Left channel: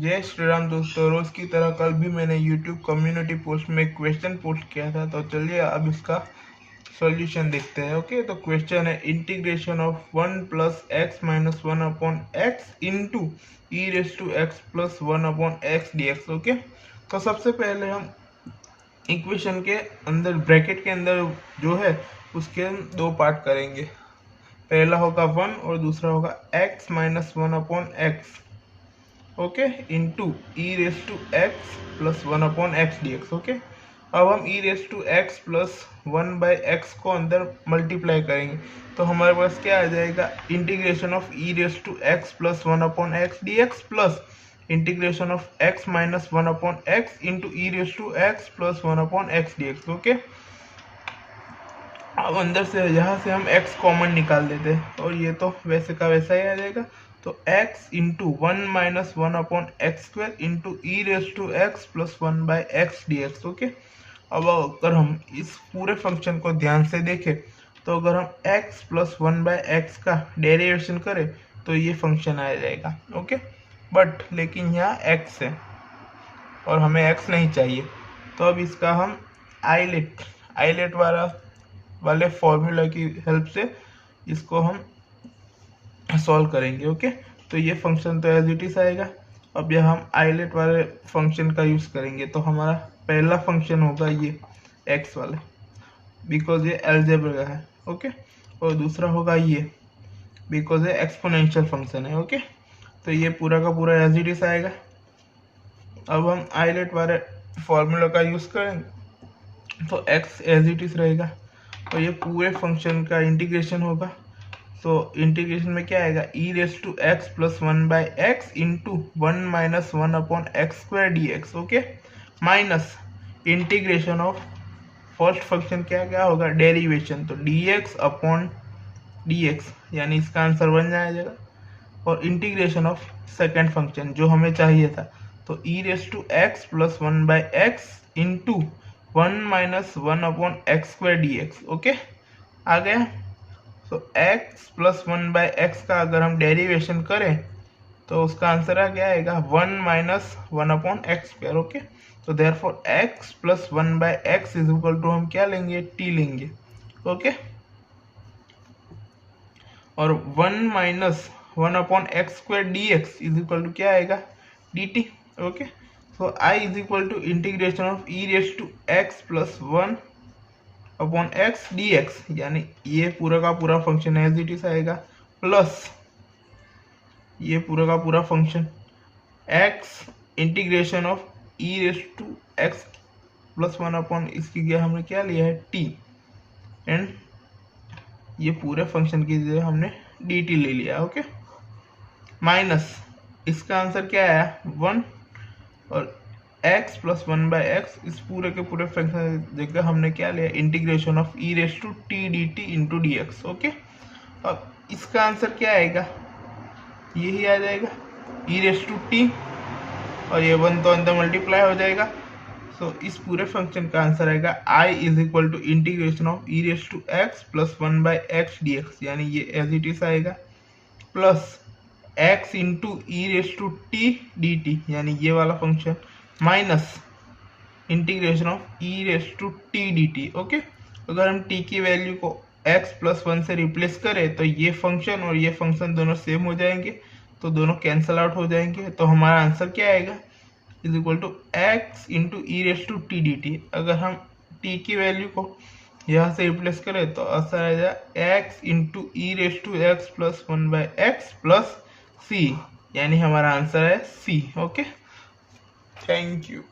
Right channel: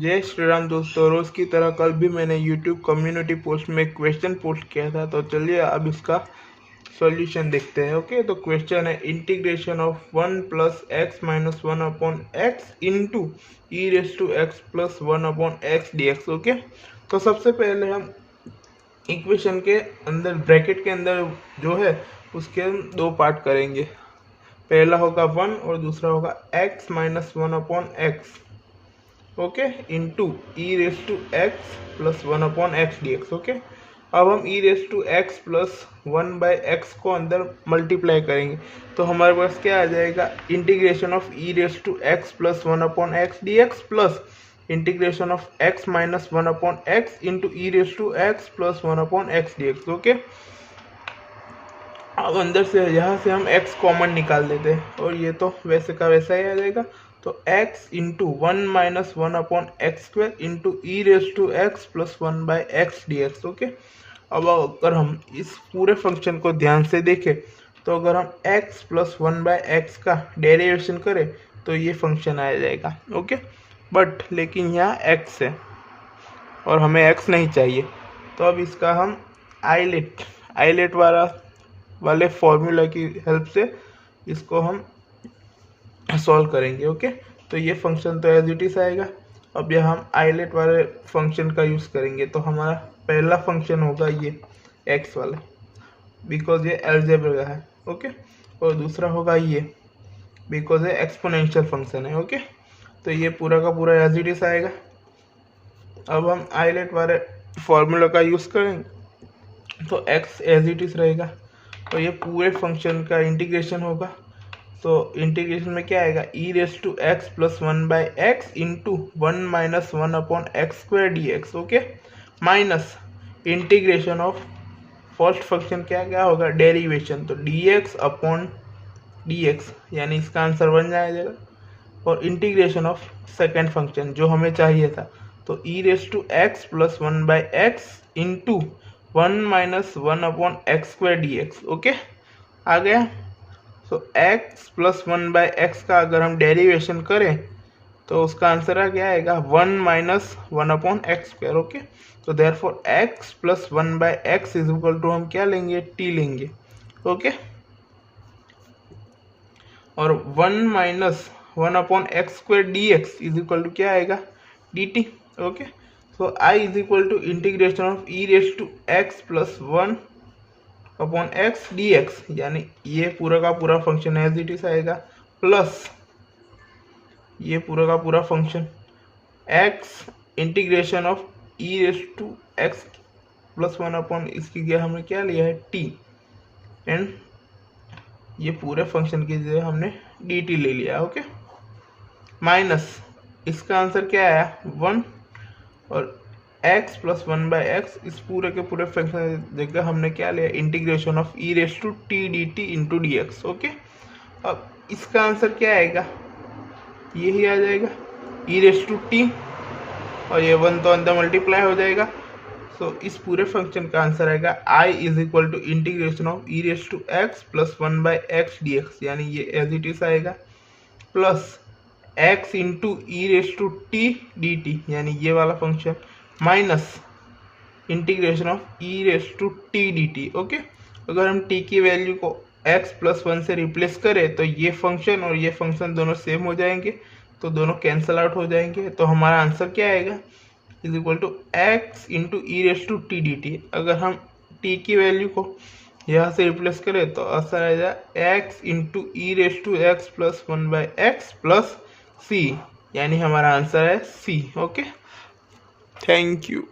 जय श्री राम दोस्तों। रोज की तरह कल भी मैंने YouTube कम्युनिटी पोस्ट में क्वेश्चन पोस्ट किया था, तो चलिए अब इसका सॉल्यूशन देखते हैं। ओके, तो क्वेश्चन है integration of 1 plus x minus 1 upon x into e raise to x plus 1 upon x d x. Okay, तो सबसे पहले हम इक्वेशन के अंदर ब्रैकेट के अंदर जो है उसके हम दो पार्ट करेंगे। पहला होगा 1 और दूसरा होगा x minus 1 upon x, okay, into e raise to x plus 1 upon x d x. Okay, अब हम e raise to x plus 1 by x को अंदर मल्टीप्लाई करेंगे, तो हमारे पास क्या आ जाएगा, integration of e raise to x plus 1 upon x d x plus integration of x minus 1 upon x into e raise to x plus 1 upon x d x. Okay, अब अंदर से यहाँ से हम x कॉमन निकाल देते हैं और ये तो वैसे का वैसा ही आ जाएगा। तो x into 1 minus 1 upon x square into e raise to x plus 1 by x d x. Okay, अब अगर हम इस पूरे फंक्शन को ध्यान से देखें तो अगर हम x प्लस 1 बाई एक्स का डेरिवेशन करें तो ये फंक्शन आ जाएगा। ओके, बट लेकिन यहाँ x है और हमें x नहीं चाहिए, तो अब इसका हम आइलेट वाले फॉर्मूला की हेल्प से इसको हम सॉल्व करेंगे। ओके, तो ये फंक्शन तो एज इट इज आएगा। अब यह हम आइलेट वाले फंक्शन का यूज़ करेंगे, तो हमारा पहला फंक्शन होगा ये एक्स वाला, बिकॉज ये अलजेब्रा का है। ओके, और दूसरा होगा ये बिकॉज ये एक्सपोनेंशियल फंक्शन है। ओके, तो ये पूरा का पूरा एज इट इज आएगा। अब हम आइलेट वाले फॉर्मूला का यूज़ करेंगे तो एक्स एज इट इज रहेगा, तो ये पूरे फंक्शन का इंटीग्रेशन होगा। तो इंटीग्रेशन में क्या आएगा, e raise to x plus 1 by x into 1 minus 1 upon x square d x. Okay, minus integration of first function क्या होगा, डेरिवेशन, तो d x upon d x, यानी इसका आंसर बन जाएगा। और इंटीग्रेशन ऑफ सेकेंड फंक्शन जो हमें चाहिए था, तो e raise to x plus 1 by x into 1 minus 1 upon x square d x. Okay, आ गया। तो x प्लस 1 बाई एक्स का अगर हम डेरिवेशन करें तो उसका आंसर आ क्या आएगा, 1 minus 1 upon x square. Okay, तो therefore x plus 1 by x is equal to हम क्या लेंगे, t लेंगे। ओके, और 1 minus 1 upon x square d x is equal to क्या आएगा, dt। ओके, तो i is equal to integration of e raise to x plus 1 upon x d x, यानी ये पूरा का पूरा फंक्शन एज इट इज आएगा, प्लस ये पूरा का पूरा function x integration of e raise to x plus 1 upon इसकी क्या हमने क्या लिया है, टी, एंड ये पूरे फंक्शन की जगह हमने डी टी ले लिया। ओके, माइनस इसका आंसर क्या आया, 1, और x प्लस 1 बाई एक्स, इस पूरे के पूरे फंक्शन जगह हमने क्या लिया, integration of e raise to t d t into d x. Okay, अब इसका आंसर क्या आएगा, यही आ जाएगा ई रेस टू टी, और ये 1 तो अंदर मल्टीप्लाई हो जाएगा। सो इस पूरे फंक्शन का आंसर आएगा i is equal to integration of e raise to x plus 1 by x d x, यानी ये एज इट इज आएगा, plus x into e raise to t d t, यानी ये वाला function, minus integration of e raise to t d t. Okay, अगर हम t की value को x प्लस 1 से रिप्लेस करें तो ये फंक्शन और ये फंक्शन दोनों सेम हो जाएंगे, तो दोनों कैंसल आउट हो जाएंगे। तो हमारा आंसर क्या आएगा, is equal to x into e raise to t d t. अगर हम t की वैल्यू को यहाँ से रिप्लेस करें तो आंसर आ जाएगा x into e raise to x plus 1 by x plus c, यानी हमारा आंसर है c। Okay, thank you.